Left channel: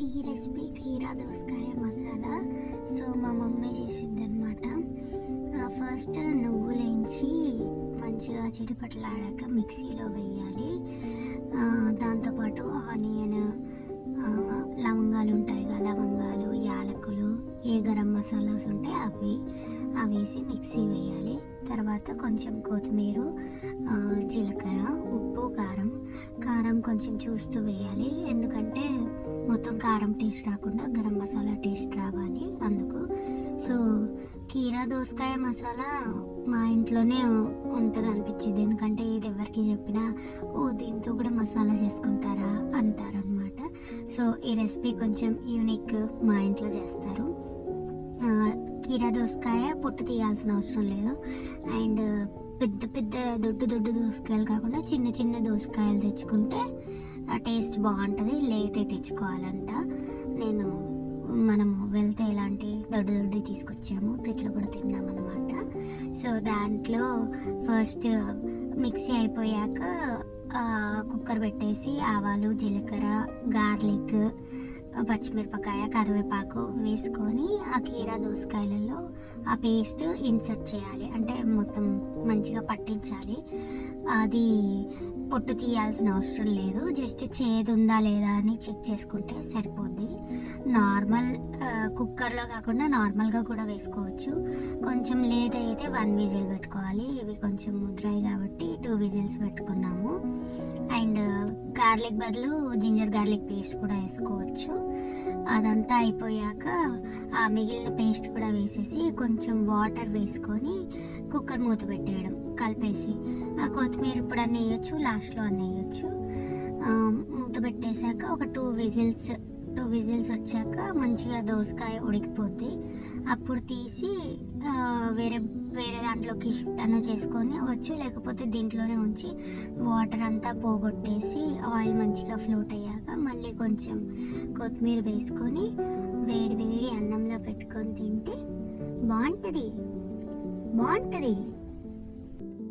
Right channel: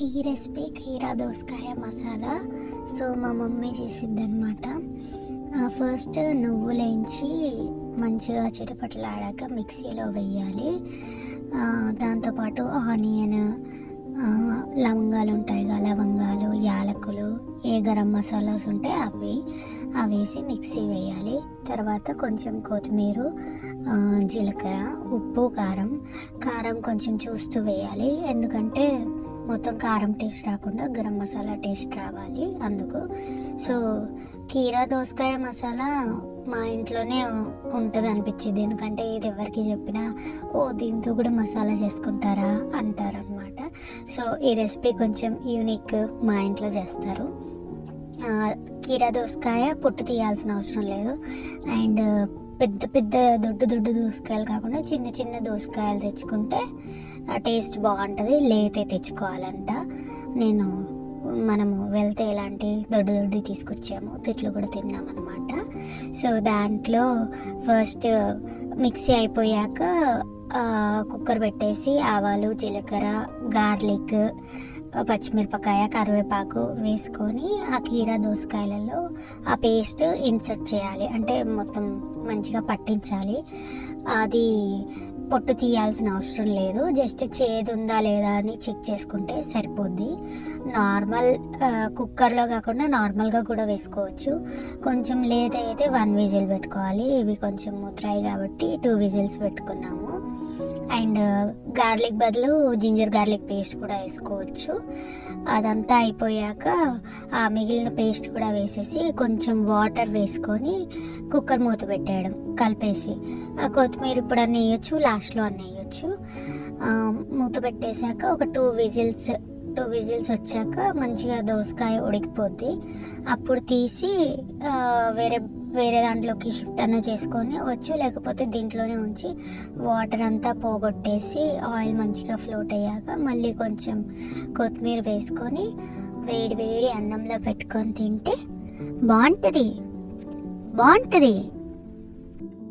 ఈ రెసిపీ కీరా దోసకాయ మసాలా. సో మా మమ్మీ చేసింది అనమాట ఫస్ట్ నువ్వులేంచి మంచిగా చిటపట్లాడాక మిక్సీలో వేయాలి. దాంతోపాటు ఆనియన్ లవంగాలు ఉంటాయి కదా లవంగాలు యాలకులు ఏ గరం మసాలాస్ ఉంటే అవి అవి వేసి మిక్సీ వేయాలి. తర్వాత కొంచెం కొత్తిమీర జీలకర్ర ఉప్పు కారం. కారం కొంచెం చూస్తూ వేయాలి. ఎందుకంటే మొత్తం కారం టేస్ట్ రాకుండా గరం మసాలా టేస్ట్ రావాలి అందుకు. సో కీరా దోసకాయ మసాలా మా ఇంట్లోనే ఉంటుంది అనిపించింది. ఎందుకంటే ఇది ఎవరికి చెప్పినా ఓ దీంతో కూడా మసాలా చేసుకుంటారా? అంటారనమాట సో ఈ రెసిపీ కొంచెం యూనిక్ మా ఇంట్లో చేస్తారు. కీరా దోసకాయ పొట్టు తీయాల్సిన అవసరం లేదు. అండ్ పెద్ద పెద్ద దొడ్డు దొడ్డు దోసకాయలు కాకుండా చిన్న చిన్న దోసకాయలు తెచ్చుకుంటే ఆ టేస్ట్ బాగుంటుంది. లేతే తెచ్చుకోవాలంట. నేను మనము వెళ్తే ఇలాంటి దొడ్డు దొడ్డు తీసుకొచ్చాము. తిట్లు కూడా తిన్నామన్నమాట. సో దాంట్లో ఫస్ట్ మిక్సీ అయిపోయాక కుక్కర్ పెట్టేసి ఆవాలు జీలకర్ర గార్లిక్ పచ్చిమిరపకాయ కరివేపాకు వేసుకొని ఆ కీరా దోసకాయలలో ఆ పేస్ట్ ఇన్సర్ట్ చేయాలి. అంటే మొత్తం మంచిగా పట్టించాలి. అది పొట్టు తీయాల్సిన అవసరం లేదు. జస్ట్ చేదు ఉందా లేదా అని చెక్ చేసుకుంటే సరిపోద్ది. నార్మల్ కుక్కర్లో కాకుండా నార్మల్గా కూడా వేసుకోవచ్చు. కొంచెం లేదైతే వన్ విజిల్ పెట్టుకోవాలి. ఇవి కొంచెం ముద్రాయి కాబట్టి టూ విజిల్స్ పెట్టుకున్నాము. అండ్ గార్లిక్ బదులు జింజర్ గార్లిక్ పేస్ట్ కూడా వేసుకోవచ్చు. అదంతా అయిపోయాక ఆ మిగిలిన పేస్ట్ కూడా వేసేసి కొంచెం వాటర్ వేసుకొని కుక్కర్ మూత పెట్టేయడం కలిపేసి. ఆ కొత్తిమీర ఇప్పుడు అన్నీ వేయచ్చు లాస్ట్లో అన్నీ వేయచ్చు మూత పెట్టేశాక ఒక టూ విజిల్స్ టూ విజిల్స్ వచ్చాక మంచిగా దోసకాయ ఉడికిపోద్ది. అప్పుడు తీసి వేరే వేరే దాంట్లోకి షిఫ్ట్ అన్న చేసుకొని వచ్చు లేకపోతే దీంట్లోనే ఉంచి వాటర్ అంతా పోగొట్టేసి ఆయిల్ మంచిగా ఫ్లోట్ అయ్యాక మళ్ళీ కొంచెం కొత్తిమీర వేసుకొని వేడి వేడి అన్నంలో పెట్టుకొని తింటే బాగుంటుంది. బాగుంటుంది.